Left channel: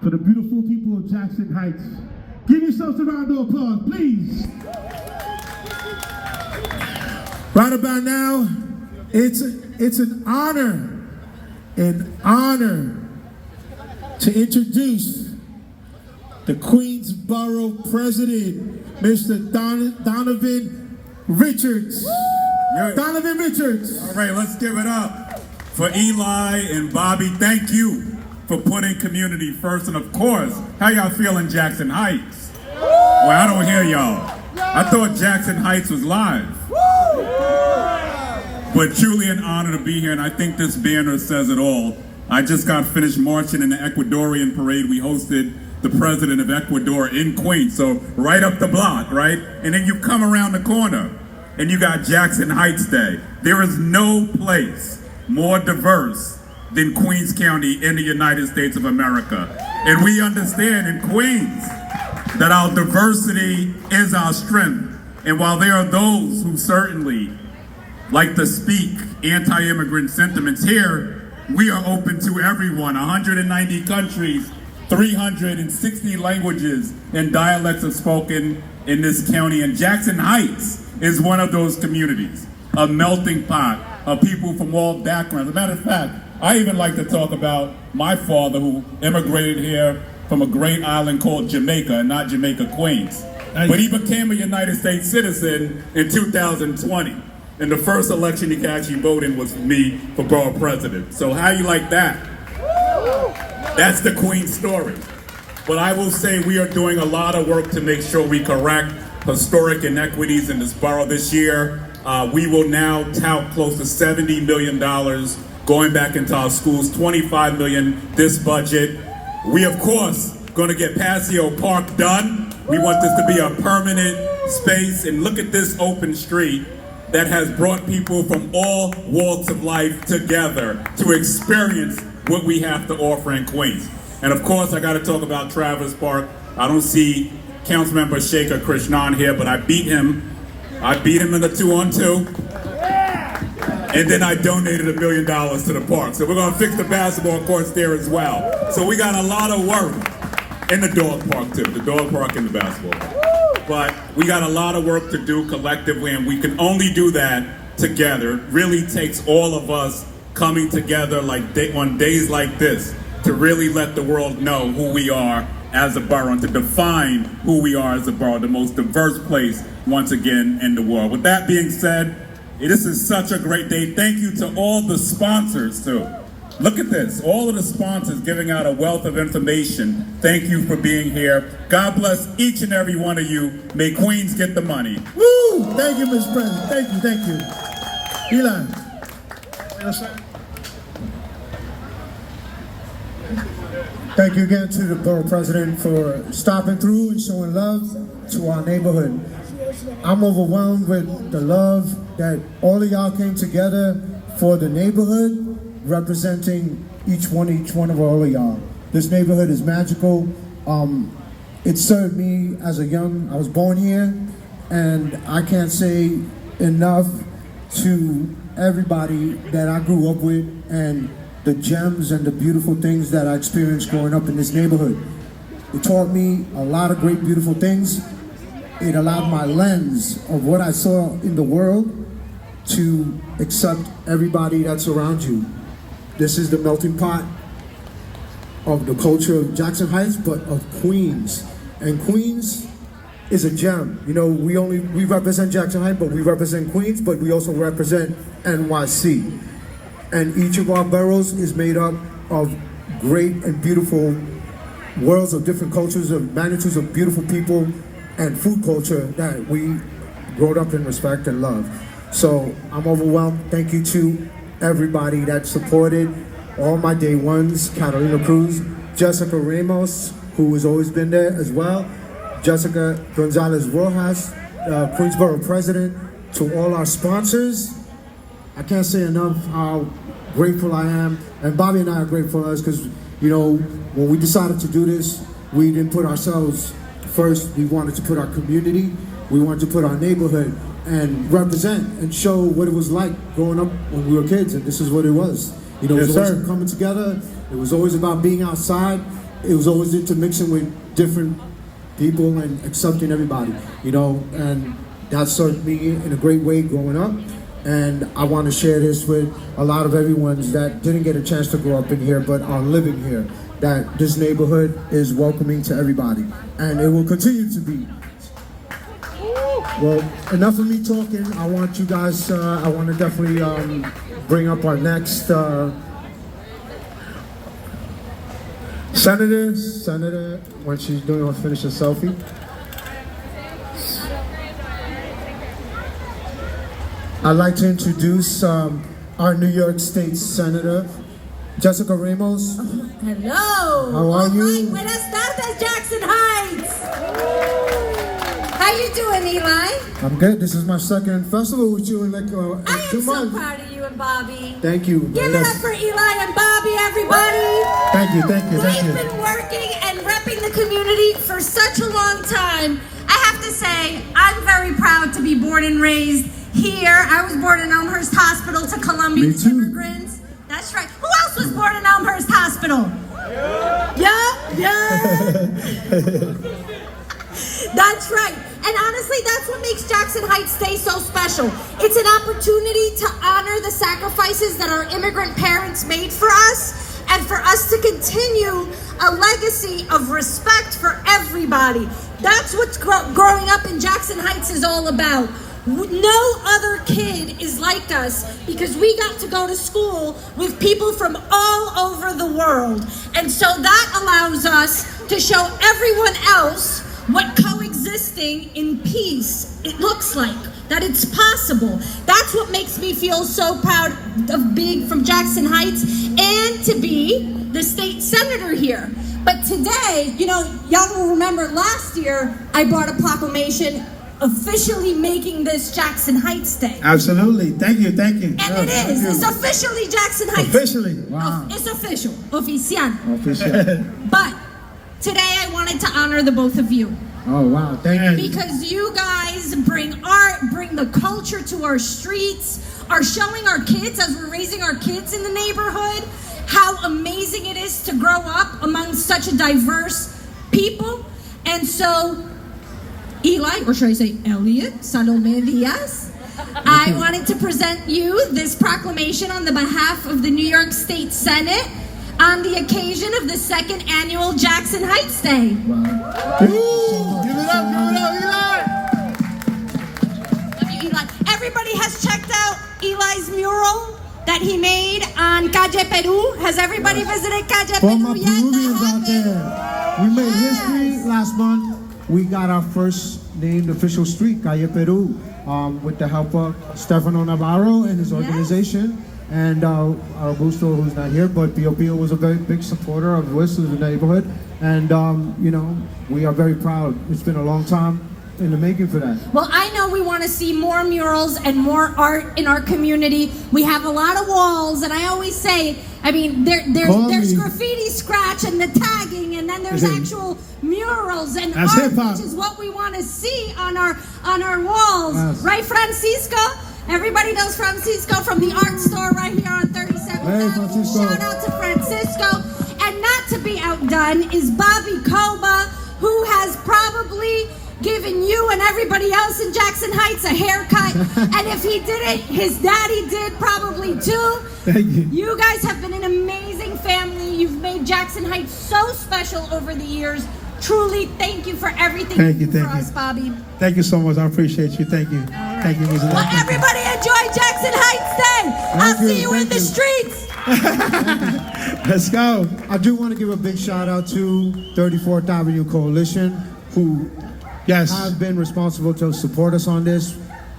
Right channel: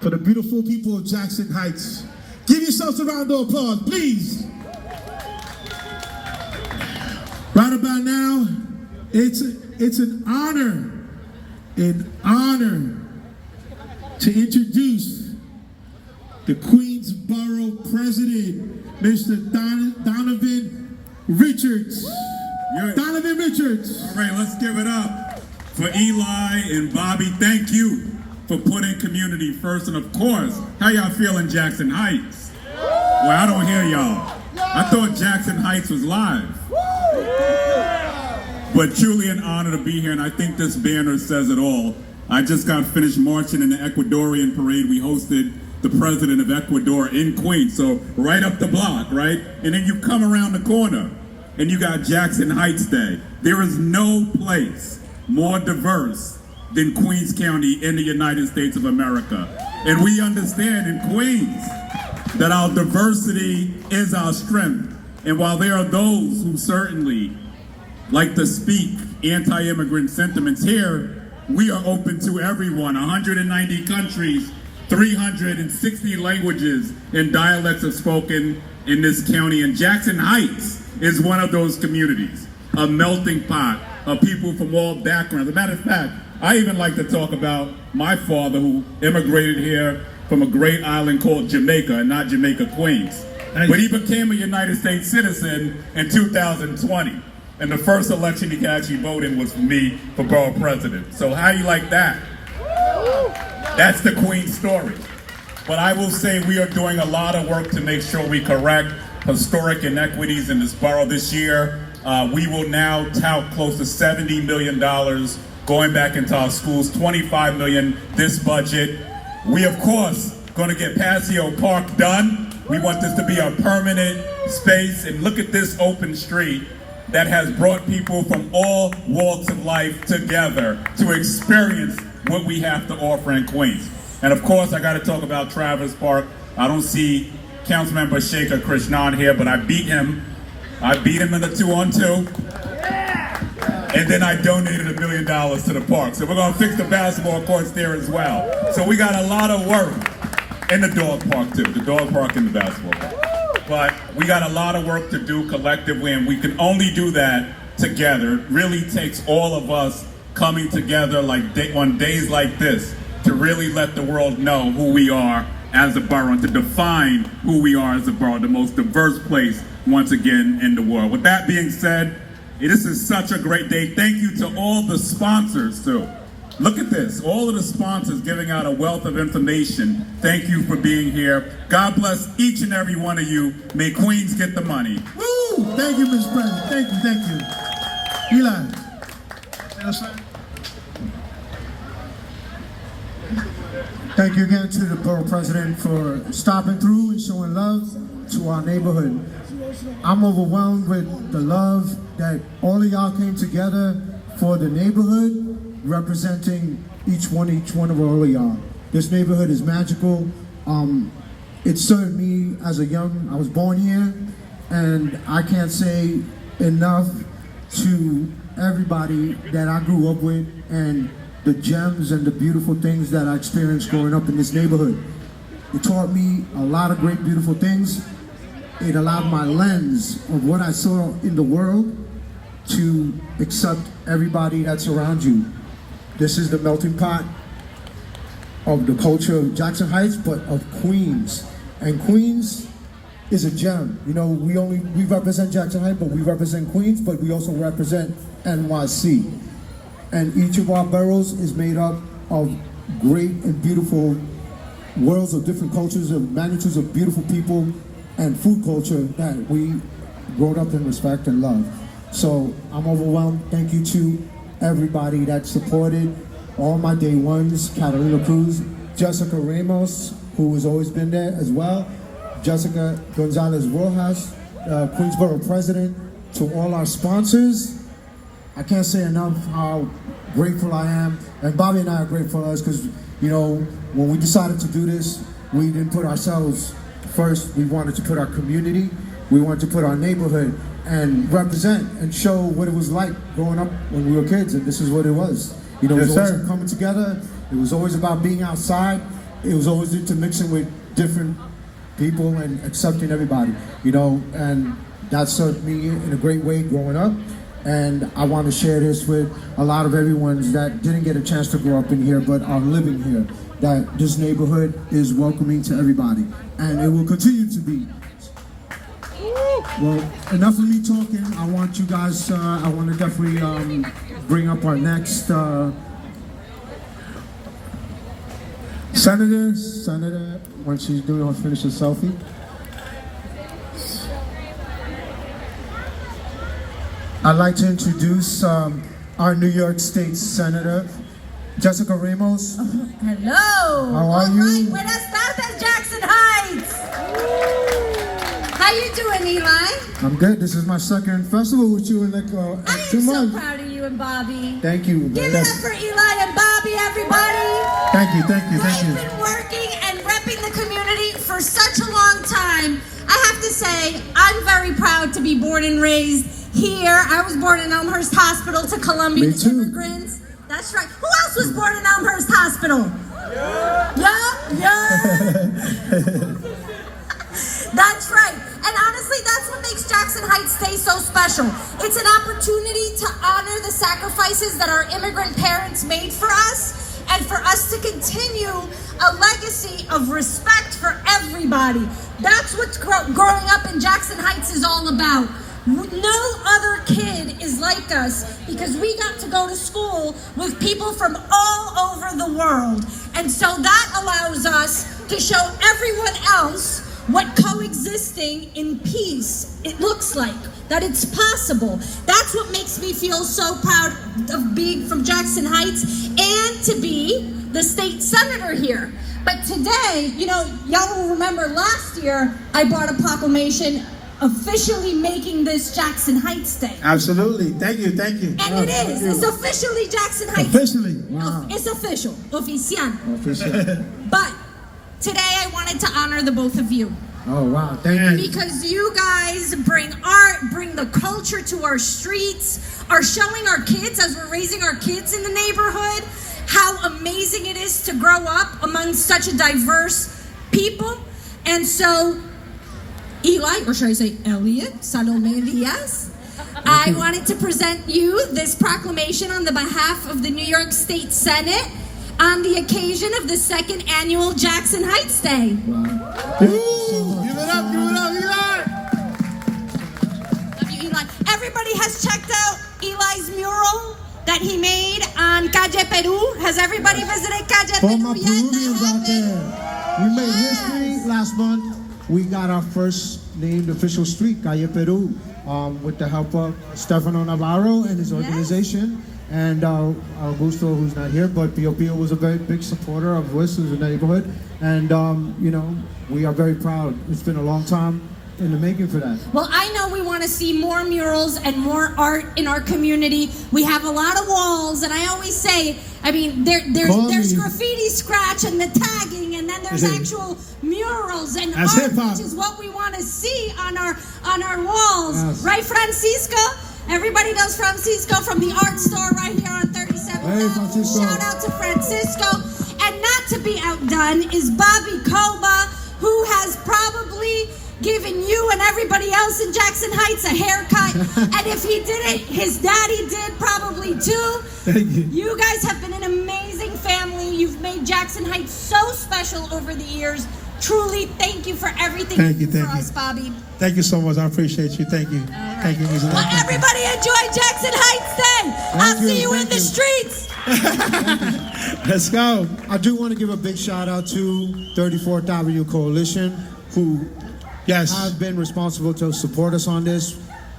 for the beautiful people of Jackson Heights. Give yourselves a round of applause, please. Right about now, it's an honor to introduce the Queensborough President, Mr. Donovan Richards. Donovan Richards. All right, let's give it up for Eli and Bobby. Thank you for putting community first. And of course, how y'all feeling, Jackson Heights? Well, I don't hear y'all. I thought Jackson Heights was live. But truly an honor to be here, and I think this banner says it all. I just got finished marching in the Ecuadorian parade. We hosted the president of Ecuador in Queens, so right up the block, right? And then you come around the corner, and you got Jackson Heights Day. There is no place more diverse than Queens County in the United States of America. And we understand in Queens that our diversity is our strength. And while there are those who certainly like to speak anti-immigrant sentiments here, we are open to everyone. 190 countries, 360 languages and dialects are spoken in this county. And Jackson Heights is one of those communities, a melting pot of people from all backgrounds. As a matter of fact, I even like to talk about my father who immigrated here from a great island called Jamaica, and not Jamaica, Queens. But he became a United States citizen in 2020. And the first election he actually voted was for me for borough president. So how you like that? That's the Queens story. But I will say we are doing a lot of work to make sure we correct historic inequities in this borough this year. We will now tout close to $70 million going back into our schools, $25 million this budget. We, of course, going to get Paseo Park done. We want this to be a permanent space. And look at this open street that has brought people from all walks of life together to experience what we have to offer in Queens. And of course, I got to talk about Travis Park. I don't see Councilmember Shekhar Krishnan here, but I beat him in the 2-on-2. And then I donated $1 million to the park. So we're going to fix the basketball courts there as well. So we got a lot of work in the dog park too, the dog park and the basketball park. But we got a lot of work to do collectively, and we can only do that together. It really takes all of us coming together on days like this to really let the world know who we are as a borough, and to define who we are as a borough, the most diverse place, once again, in the world. With that being said, this is such a great day. Thank you to all the sponsors, too. Look at this, all of the sponsors giving out a wealth of information. Thank you for being here. God bless each and every one of you. May Queens get the money. Woo! Thank you, Mr. President. Thank you. Eli. Thank you again to the borough president for stopping through and showing love to our neighborhood. I'm overwhelmed with the love that all of y'all came together for the neighborhood, representing each one of all of y'all. This neighborhood is magical. It served me as I was born here, and I can't say enough to everybody that I grew up with and the gems and the beautiful things that I experienced growing up in this neighborhood. It taught me a lot of great, beautiful things. It allowed my lens of what I saw in the world to accept everybody that's around you. This is the melting pot of the culture of Jackson Heights, but of Queens. And Queens is a gem. You know, we represent Jackson Heights, but we represent Queens, but we also represent NYC. And each of our boroughs is made up of great and beautiful worlds of different cultures, of magnitudes of beautiful people and food culture that we growed up in respect and love. So I'm overwhelmed. Thank you to everybody that supported all my day ones, Catalina Cruz, Jessica Ramos, who has always been there as well, Jessica Gonzalez Rojas, Queensborough president, to all our sponsors. I can't say enough how grateful I am, and Bobby and I are grateful for us because, you know, when we decided to do this, we didn't put ourselves first. We wanted to put our community, we wanted to put our neighborhood and represent and show what it was like growing up when we were kids, and this is what it was. You know, it was always coming together. It was always about being outside, it was always intermixing with different people and accepting everybody, you know, and that served me in a great way growing up. And I want to share this with a lot of everyone that didn't get a chance to grow up in here but are living here, that this neighborhood is welcoming to everybody, and it will continue to be. Well, enough of me talking. I want you guys, I want to definitely bring up our next Senator, when she's doing her finish a selfie. I'd like to introduce our New York State Senator, Jessica Ramos. Hello. How are you? Right, buenas tardes, Jackson Heights. How you doing, Eli? I'm good. This is my second festival with you in like I 2 am so months. proud of you and Bobby. Thank you. Give it up for Eli and Bobby, everybody. Thank you. Thank They've you. been working and repping the community for such a long time. I have to say, I'm very proud to be born and raised here. I was born in Elmhurst Hospital to Colombian Me too. immigrants. That's right. Who else was born in Elmhurst Hospital? Yeah. That's right. And honestly, that's what makes Jackson Heights Day so special. It's an opportunity to honor the sacrifices that our immigrant parents made for us, and for us to continue a legacy of respect for everybody. That's what growing up in Jackson Heights is all about. No other kid is like us because we got to go to school with people from all over the world. And so that allows us to show everyone else what coexisting in peace it looks like, that it's possible. That's what makes me feel so proud of being from Jackson Heights and to be the state senator here. But today, you know, y'all will remember last year I brought a proclamation officially making this Jackson Heights Day. Absolutely. Thank you. And it is. It's officially Jackson Heights. Officially. Wow. It's official. Oficial. Official. But today I wanted to honor the both of you. Oh wow, thank you. Because you guys bring art, bring the culture to our streets, are showing our kids as we're raising our kids in the neighborhood how amazing it is to grow up among such a diverse people. And so, Eli, or should I say Elliot, Salome Diaz, I wanted to present you this proclamation on the behalf of the New York State Senate on the occasion of the second annual Jackson Heights Day. Wow. Give it up. Love you, Eli. Everybody has checked out Eli's mural that he made on Calle Peru. Has everybody visited Calle For Peru my yet? Peruvians That out there, we made history last month. We got our first named official street, Calle Peru, with the help of Stefano Navarro and his organization. And Augusto, who's not here, but Pio Pio was a very big supporter of this as a neighborhood. And, you know, we are very proud. It's been a long time in the making for that. Well, I know we want to see more murals and more art in our community. We have a lot of walls, and I always say, I mean, there's graffiti scratch and the tagging, and then there's actual murals and That's art, hip-hop. which is what we want to see on our walls. Yes. Right, Francisco? Everybody knows Francisco from the art store right here on 37th Hey, Avenue. Francisco. Shout out to Francisco. And not to be outdone is Bobby Coba, who has probably given you and everybody else in Jackson Heights a haircut. And if he didn't, his daddy did probably too. Thank you. You guys have been an amazing family. You've made Jackson Heights so special over the years. Truly, thank you for everything Thank you you, do thank for you. us, Bobby. Thank you so much. I appreciate you. Thank you. Thank you, Ms. Well, Electric. everybody enjoy Jackson Heights Day. I'll you, see you in thank the you. streets. Let's go. I do want to give a big shout out to 34th Avenue Coalition, who Yes. have been responsible to support us on this.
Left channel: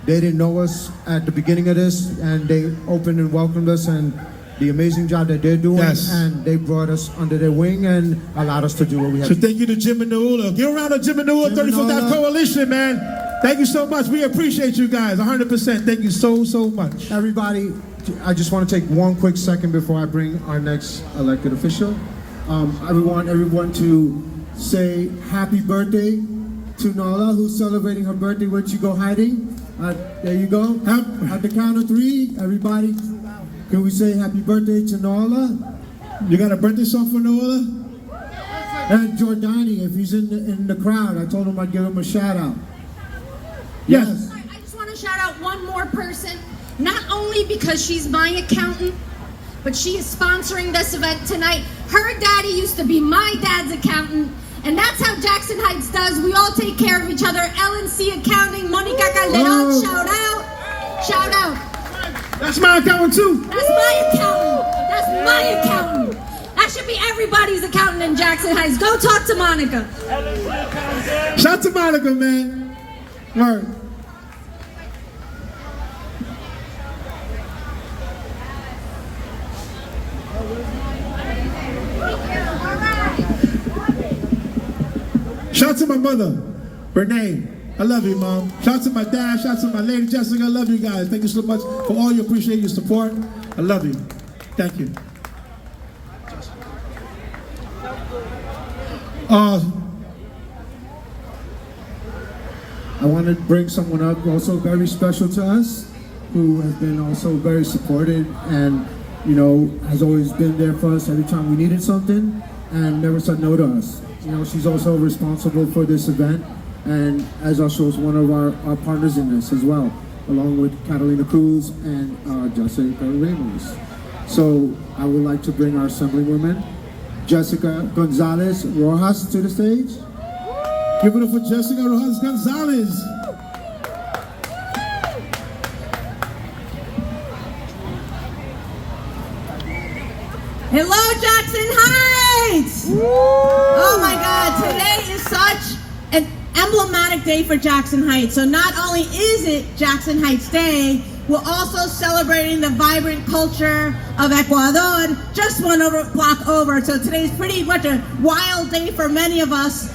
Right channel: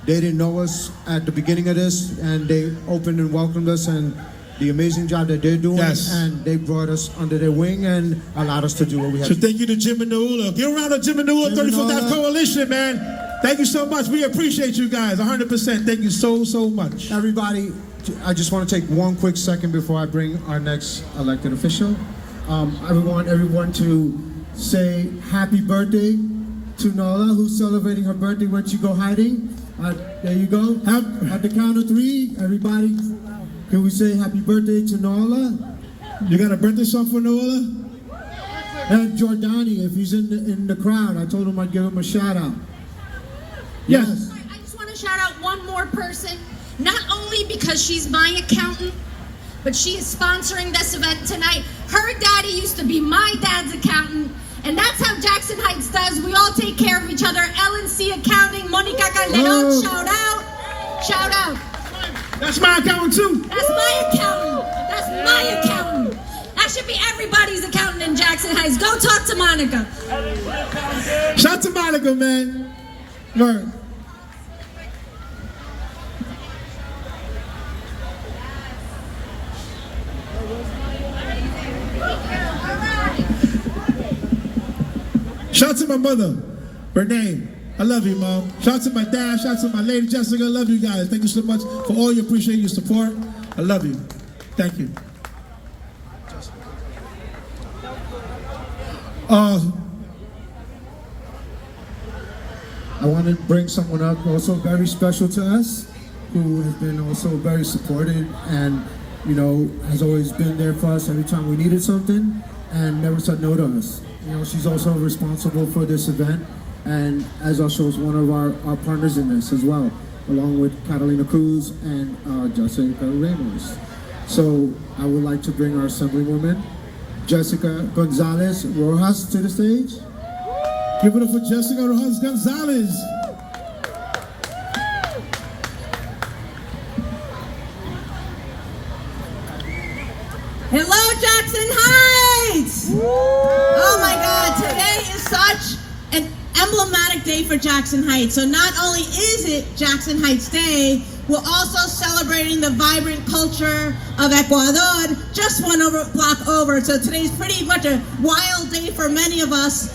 They didn't know us at the beginning of this, and they opened and welcomed us, and the amazing job that they're doing, Yes. and they brought us under their wing and allowed us to do what we have So to do. thank you to Jim and Naula. Give a round of Jim and Naula, Jim 34th and Naula. Coalition, man. Thank you so much. We appreciate you guys 100%. Thank you so much. Everybody, I just want to take one quick second before I bring our next elected official. I want everyone to say happy birthday to Nala, who's celebrating her birthday when she go hiding. There you go. At the count of three, everybody, can we say happy birthday to Nala? You got a birthday song for Naula? And Jordani, if he's in the crowd, I told him I'd give him a shout out. Yes. I just want to shout out one more person, not only because she's my accountant, but she is sponsoring this event tonight. Her daddy used to be my dad's accountant, and that's how Jackson Heights does. We all take care of each other. LNC Accounting, Monica Calderon, shout out. Shout out. That's my accountant too. That's my accountant. That's my accountant. That should be everybody's accountant in Jackson Heights. Go talk to Monica. Shout out to Monica, man. Word. Shout out to my mother, Renee. I love you, Mom. Shout out to my dad. Shout out to my lady Jessica. I love you guys. Thank you so much for all your appreciate your support. I love you. Thank you. I want to bring someone up also very special to us, who has been also very supportive and, you know, has always been there for us every time we needed something and never said no to us. You know, she's also responsible for this event and as also is one of our partners in this as well, along with Catalina Cruz and Jessica Ramos. So I would like to bring our Assemblywoman, Jessica Gonzalez Rojas, to the stage. Give it up for Jessica Rojas Gonzalez. Hello, Jackson Heights! Oh my God, today is such an emblematic day for Jackson Heights. So not only is it Jackson Heights Day, we're also celebrating the vibrant culture of Ecuador, just one block over. So today's pretty much a wild day for many of us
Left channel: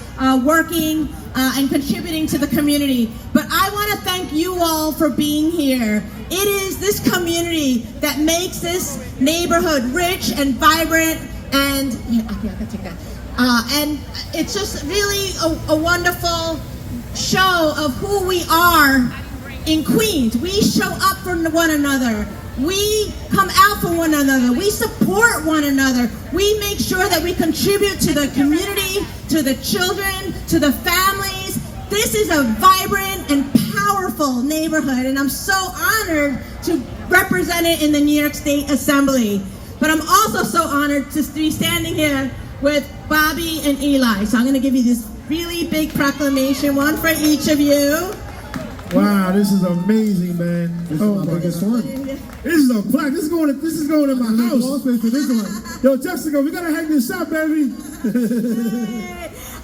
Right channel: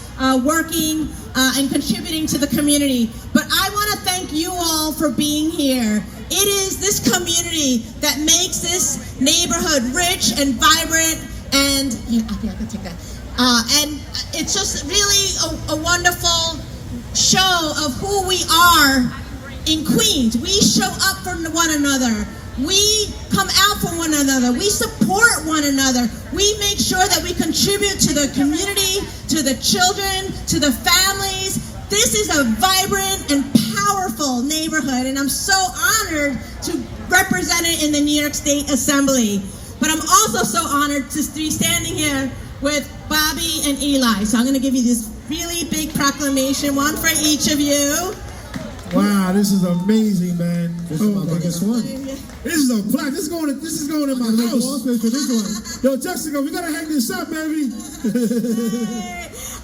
working and contributing to the community. But I want to thank you all for being here. It is this community that makes this neighborhood rich and vibrant, and and it's just really a wonderful show of who we are in Queens. We show up for one another. We come out for one another. We support one another. We make sure that we contribute to the community, to the children, to the families. This is a vibrant and powerful neighborhood, and I'm so honored to represent it in the New York State Assembly. But I'm also so honored to be standing here with Bobby and Eli. So I'm going to give you this really big proclamation, one for each of you. Wow, this is amazing, man. This is my biggest one. This is a plaque. This is going in my house. Yo, Jessica, we gotta hang this up, baby.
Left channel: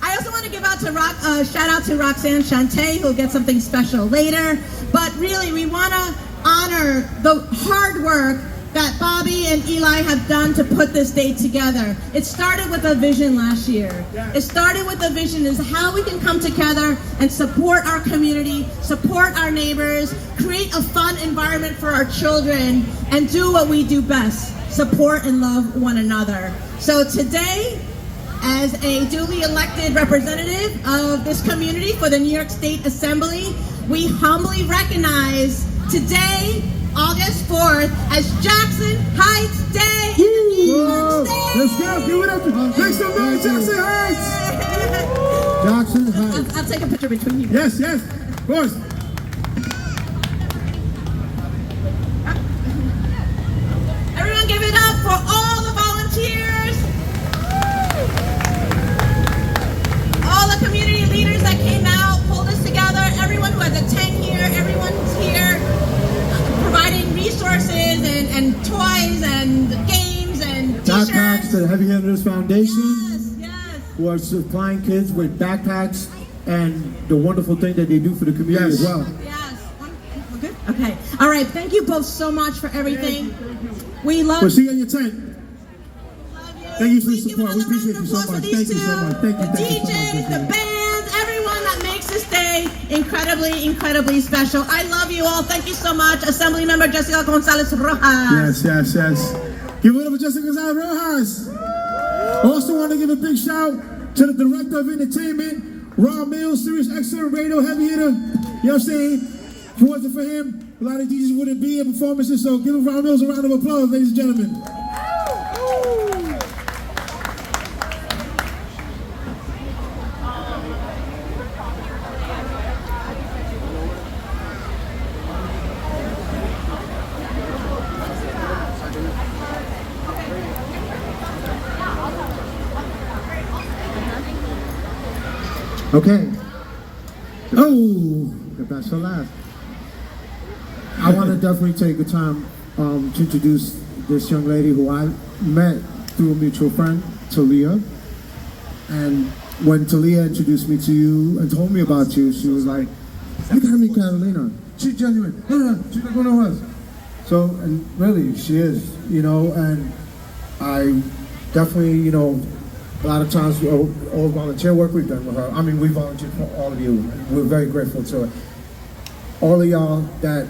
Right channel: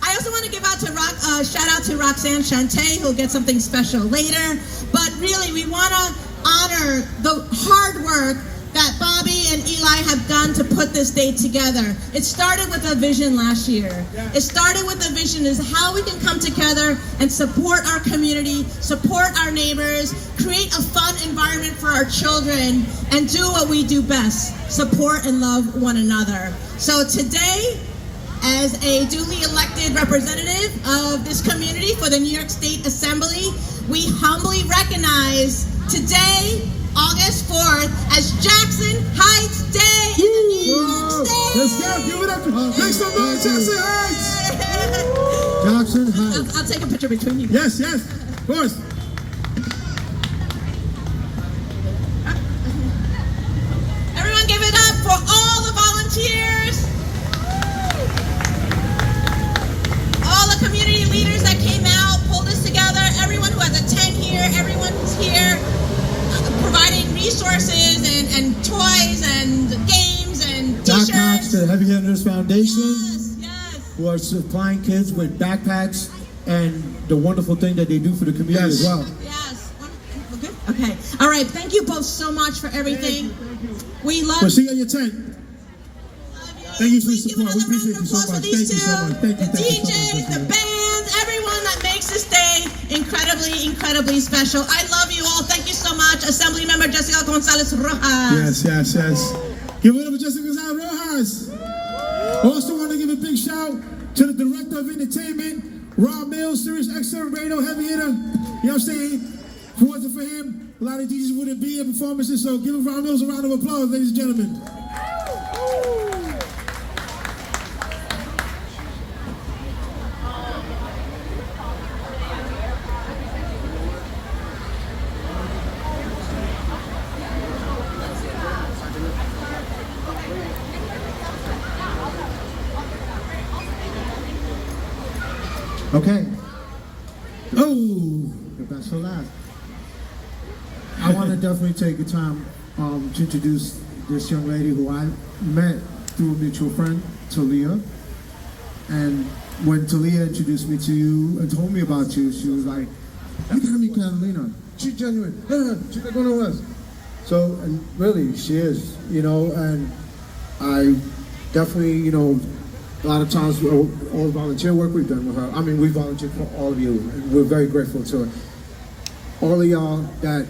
I also want to give out to shout out to Roxanne Shante, who'll get something special later. But really, we want to honor the hard work that Bobby and Eli have done to put this day together. It started with a vision last year. It started with a vision is how we can come together and support our community, support our neighbors, create a fun environment for our children, and do what we do best, support and love one another. So today, as a duly elected representative of this community for the New York State Assembly, we humbly recognize today, August 4th, as Jackson Heights Day in the New York State. Let's go. Give it up. Make some noise, Jackson Heights. Jackson Heights. I'll take a picture between you. Yes, yes, of course. Everyone give it up for all the volunteers, all the community leaders that came out, pulled us together, everyone who has a tent here, everyone's here, providing resources and toys and games and Backpacks t-shirts. to the Heavy Hitters Foundation, Yes. who are supplying kids with backpacks and the wonderful thing that they do for the community Yes. as well. Yes. Good. Okay. All right. Thank you both so much for everything. We love We'll see you on your tent. Thank you for the Please give support. We another appreciate round you so of applause for much. these Thank you so two. much. Thank you. The Thank you so DJs, much. the bands, everyone that makes this day incredibly, incredibly special. I love you all. Thank you so much. Assembly Member Jessica Gonzalez Rojas. Yes, yes, yes. Give it up for Jessica Gonzalez Rojas. Also want to give a big shout to the Director of Entertainment, Rob Mills, Sirius XM Radio Heavy Hitter. You know what I'm saying? If it wasn't for him, a lot of DJs wouldn't be at performances, so give Rob Mills a round of applause, ladies and gentlemen. Okay, Oh, the best for last. I want to definitely take the time to introduce this young lady who I met through a mutual friend, Talia. And when Talia introduced me to you and told me about you, she was like, "You gotta meet Catalina. She's genuine. She's like one of us." So, and really, she is, and I definitely, a lot of times, all volunteer work we've done with her. I mean, we volunteer for all of you. We're very grateful to her. All of y'all that,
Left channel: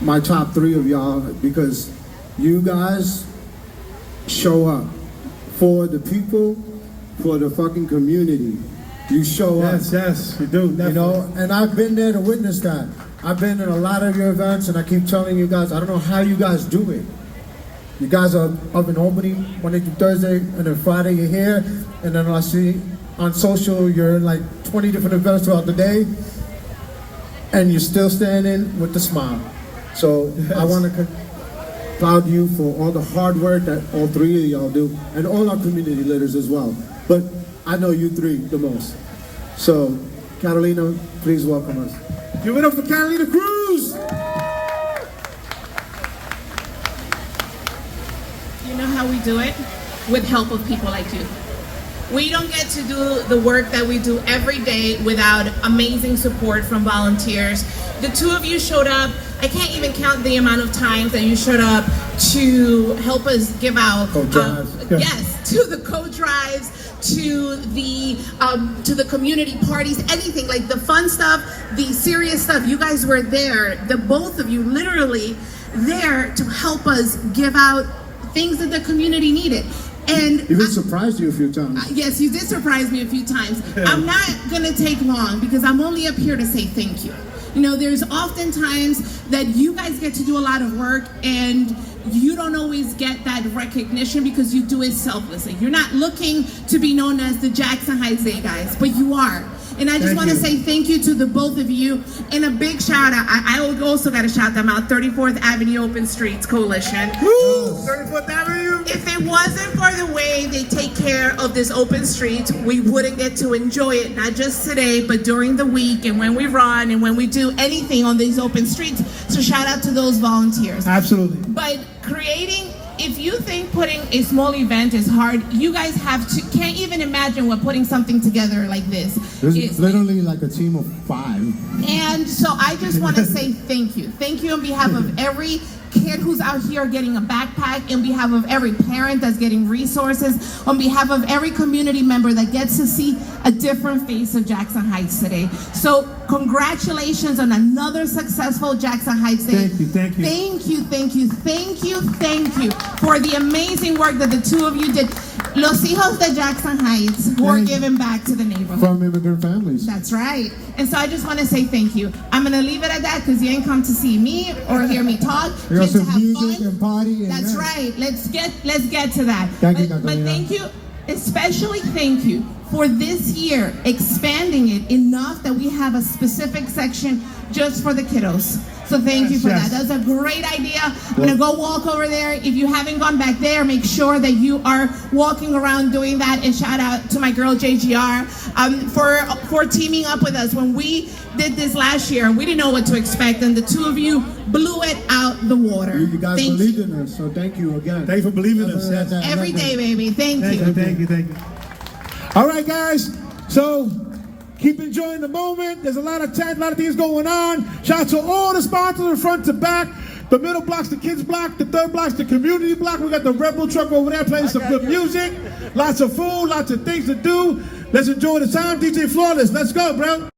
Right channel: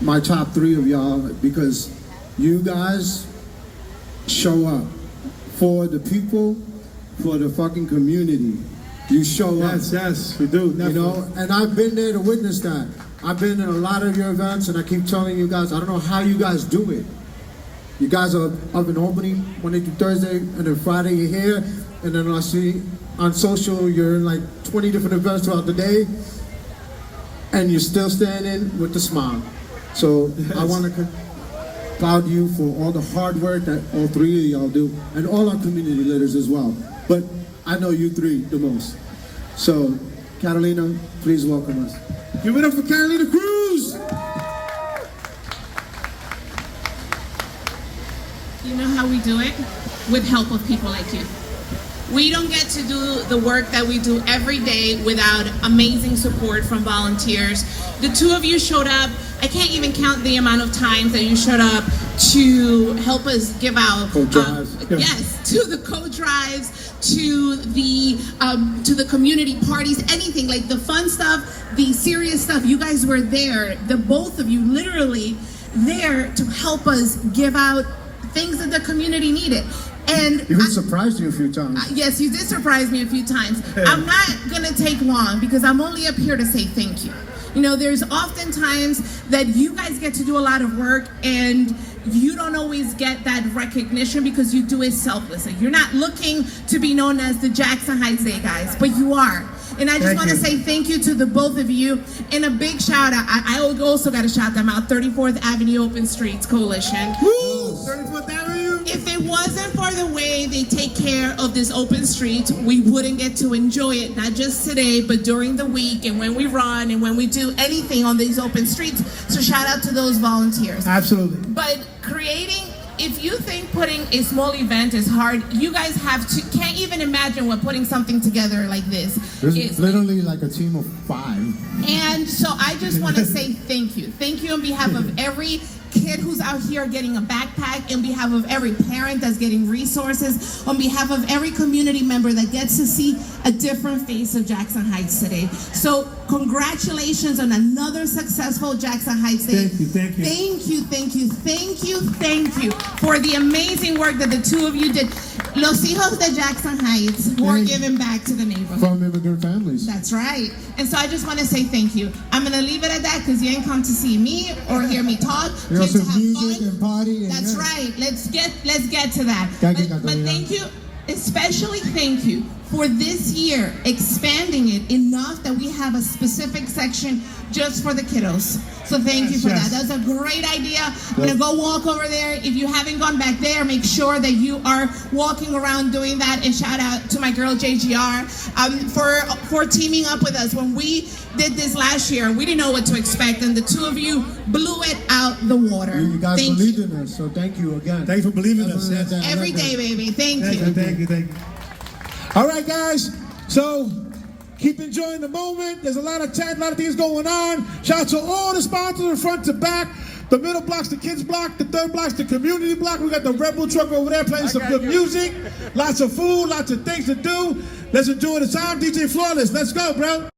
my top 3 of y'all, because you guys show up for the people, for the fucking community. You show up. yes, we do. And I've been there to witness that. I've been in a lot of your events, and I keep telling you guys, I don't know how you guys do it. You guys are up in Albany Monday through Thursday, and then Friday you're here, and then I see on social you're in like 20 different events throughout the day, and you're still standing with the smile. So I want to applaud you for all the hard work that all 3 of y'all do, and all our community leaders as well. But I know you 3 the most. So, Catalina, please welcome us. Give it up for Catalina Cruz. You know how we do it? With help of people like you. We don't get to do the work that we do every day without amazing support from volunteers. The 2 of you showed up. I can't even count the amount of times that you showed up to help us give out. Yes, to the coat drives, to the community parties, anything like the fun stuff, the serious stuff. You guys were there. The both of you literally there to help us give out things that the community needed. And Even surprised you a few times. yes, you did surprise me a few times. I'm not gonna take long because I'm only up here to say thank you. There's often times that you guys get to do a lot of work and you don't always get that recognition because you do it selflessly. You're not looking to be known as the Jackson Heights Day guys, but you are. And I just want to say thank you to the both of you. And a big shout out. I also got to shout them out. 34th Avenue Open Streets Coalition. Woo! 34th Avenue. If it wasn't for the way they take care of this open street, we wouldn't get to enjoy it, not just today, but during the week and when we run and when we do anything on these open streets. So shout out to those volunteers. Absolutely. But if you think putting a small event is hard, you guys can't even imagine what putting something together like this There's is. literally like a team of 5. And so I just want to say thank you. Thank you on behalf of every kid who's out here getting a backpack, on behalf of every parent that's getting resources, on behalf of every community member that gets to see a different face of Jackson Heights today. So congratulations on another successful Jackson Heights Day. Thank you, thank you. Thank you, thank you, thank you, thank you for the amazing work that the 2 of you did. Los hijos de Jackson Heights who are giving back to the neighborhood. From immigrant families. That's right. And so I just want to say thank you. I'm going to leave it at that because you ain't come to see me or hear me talk. We Came also to have music fun. and party. And That's right. Let's get to that. Thank you, but Catalina. thank you, especially thank you for this year expanding it enough that we have a specific section just for the kiddos. So thank you for that. That's a great idea. I'm gonna go walk over there. If you haven't gone back there, make sure that you are walking around doing that. And shout out to my girl JGR for teaming up with us. When we did this last year, we didn't know what to expect, and the 2 of you blew it out the water. You guys Thank believed in us, so thank you again. Thank you for believing in us. Every day, baby. Thank you. Thank you. All right, guys. So keep enjoying the moment. There's a lot of chat, a lot of things going on. Shout out to all the sponsors from front to back. The middle block's the kids block. The third block's the community block. We got the Rebel truck over there playing some good music. Lots of food, lots of things to do. Let's enjoy the time. DJ Flawless, let's go, bro.